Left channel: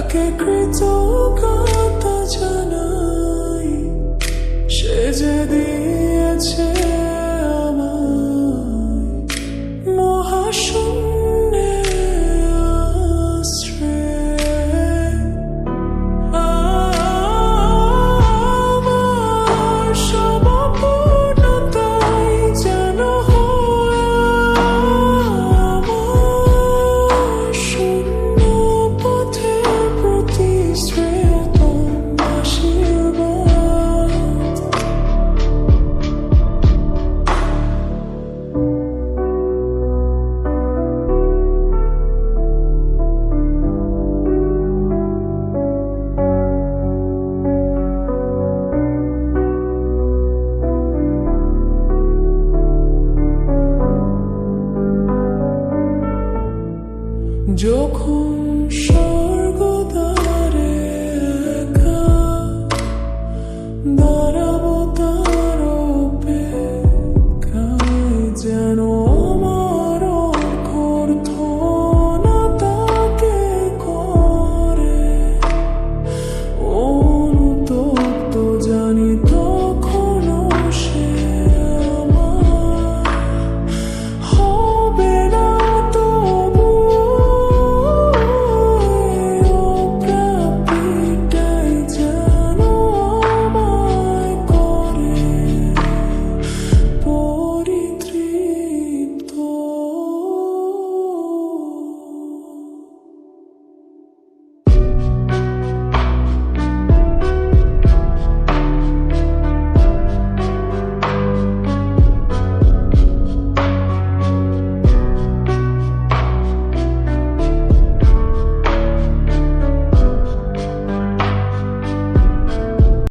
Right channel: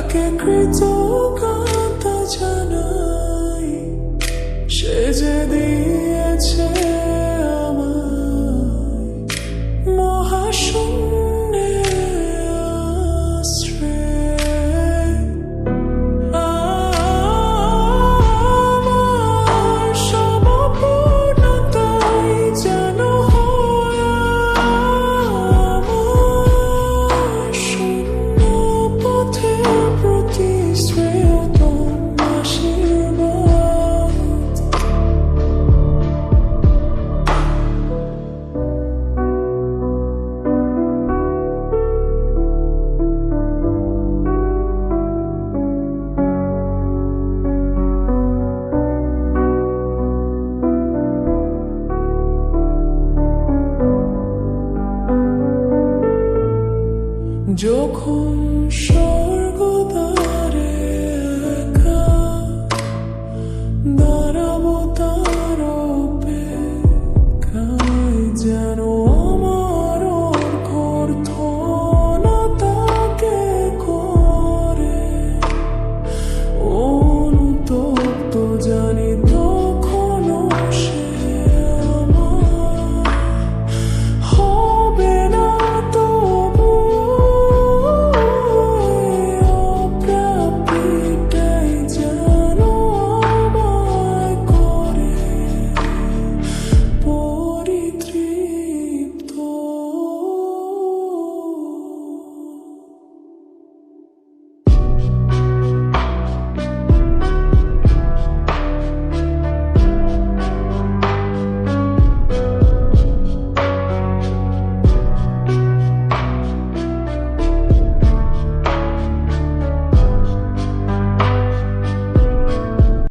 তাকে কৃতজ্ঞতা জানাই। সে যে দিয়েছে যখন স্বর্গ তারে দাঁড়াবো তার যেন আমার অর্থনা তাকে